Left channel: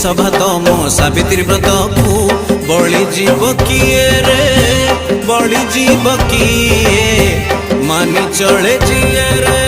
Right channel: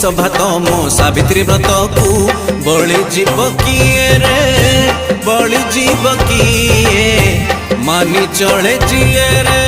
सौभाग्य मो सावित्री व्रत को बड़ी जीव किए रे बड़ी जीव किए मानी चले जिए रे।